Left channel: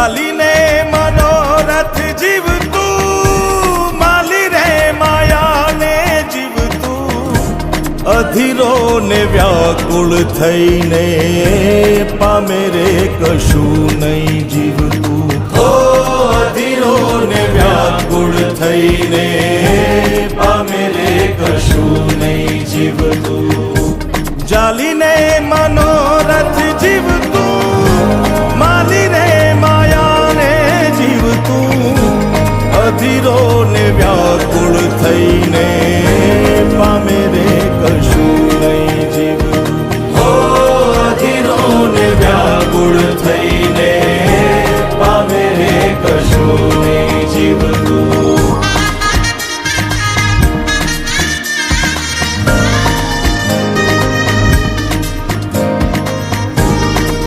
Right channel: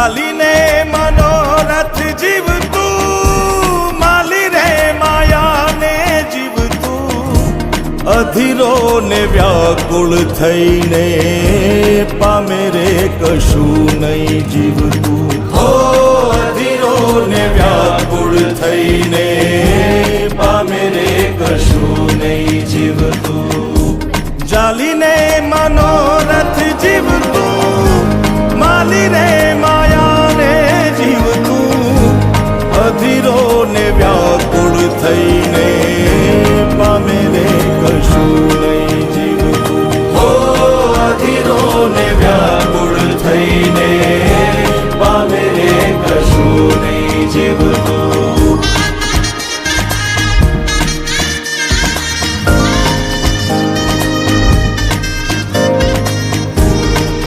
ચાલીને મનોરથ જીવતું, માલી રે માયાને જીવતું, અધીરો ને વ્યાકુળ થઈને પામે રે કશું નહીં જીવતું. ઓ અધીરો ને વ્યાકુળ થઈને પામે રે કશું નહીં જીવતું. ચાલીને મનોરથ જીવતું, માલી રે માયાને જીવતું, અધીરો ને વ્યાકુળ થઈને પામે રે કશું નહીં જીવતું. ઓ અધીરો ને વ્યાકુળ થઈને